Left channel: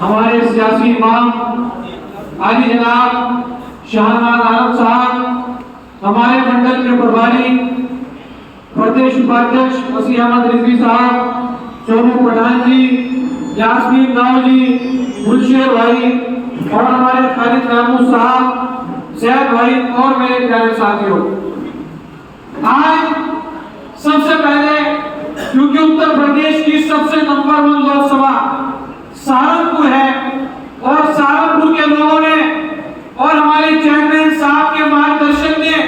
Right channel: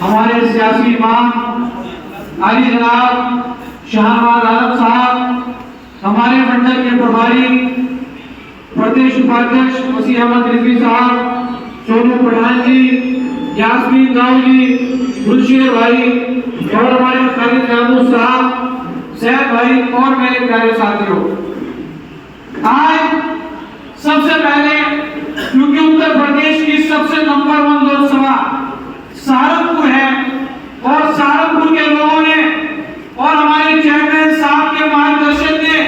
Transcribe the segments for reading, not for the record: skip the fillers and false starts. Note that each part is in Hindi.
हमारे सियासी इमाम आली जनाब शाहनवाज आलम साहब, हमारे मंडल के प्रभारी प्रदेश उपाध्यक्ष वसीम अहमद रिजवी साहब, सोनू पठान जी, यास्मीन दाऊ जी, गुलशेर भाई और हमारे खालिद महमूद साहब, सैयद भाई और मेरे प्यारे साथियों, आज सबसे पहले क्योंकि उत्तर प्रदेश की सबसे नंबर 1 लोकसभा सहारनपुर है और सहारनपुर के लोगों ने और हमारे चेयरमैन साहब के मार्गदर्शन में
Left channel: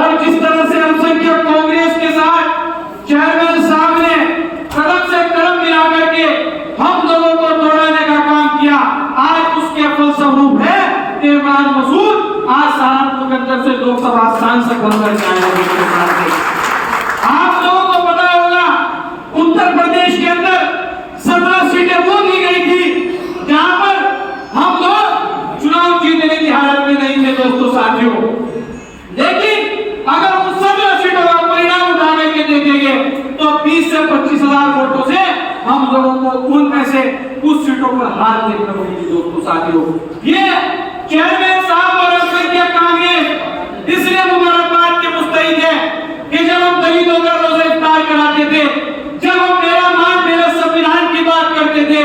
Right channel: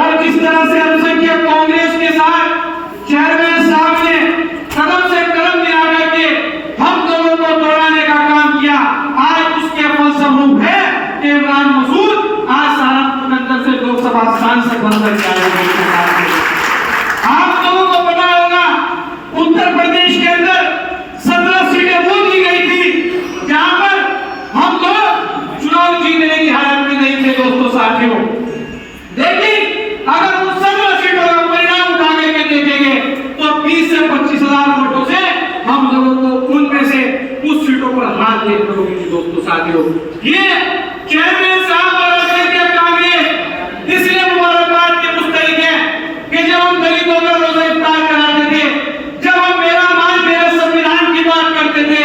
और जिस तरह से अल्पसंख्यक कांग्रेस के साथ चेयरमैन साहब ने कदम से कदम मिला करके हम लोगों को तोड़ने का काम किया, आज उसके फलस्वरूप है कि इमरान मसूद आज सहारनपुर के अंदर से लोकसभा सांसद बनकर के आए। आप लोगों को पता होगा उत्तर प्रदेश के अंदर 17 सीटें वो दी गई थी जहां पर हम लोग चुनाव जीतने की हालत में नहीं थे दोस्तों साथियों, लेकिन अगर उन 17 सीटों का परिणाम उठा करके देखेंगे तो 20 से 25 हजार वोटों से हम लोगों को उनमें से कुछ सीटों पर हाथ देखने को मिली दोस्तों साथियों। ये चेयरमैन साहब और कांग्रेस इसलिए मुबारकबाद के मुस्तहिक है कि जब हम दलितों का रोजा इफ्तार कराते थे, जब हम मेरा मान मेरे संविधान की बात करते थे,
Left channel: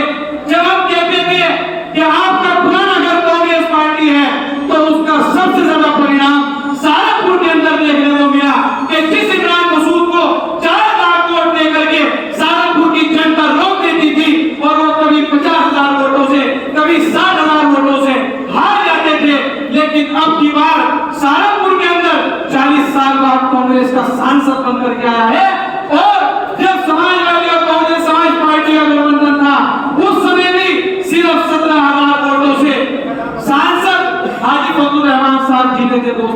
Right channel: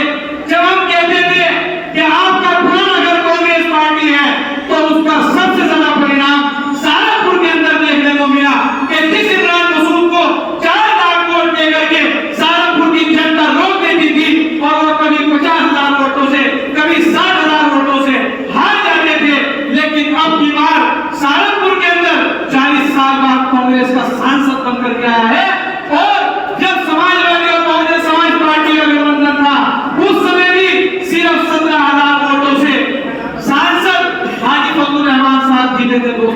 जब हम कहते थे कि आपका प्राण अगर कांग्रेस पार्टी है तो उसका सबसे ज्यादा परिणाम सहारनपुर के अंदर देखने को मिला कि जिस इमरान मसूद को 4 लाख वोट दे करके सहारनपुर की जनता रोक देती थी और वो कभी 50,000 वोटों से कभी 60,000 वोटों से हार जाते थे, लेकिन अब की बार सहारनपुर के अंदर 40 साल बाद कांग्रेस का सांसद बनकर के आया है। और जब समाजवादी और कांग्रेस समाज पार्टी का गठबंधन था उस समय भी सिर्फ 17,000 वोटों से सांसद हाजी फजलुर रहमान साहब जीते थे दोस्तों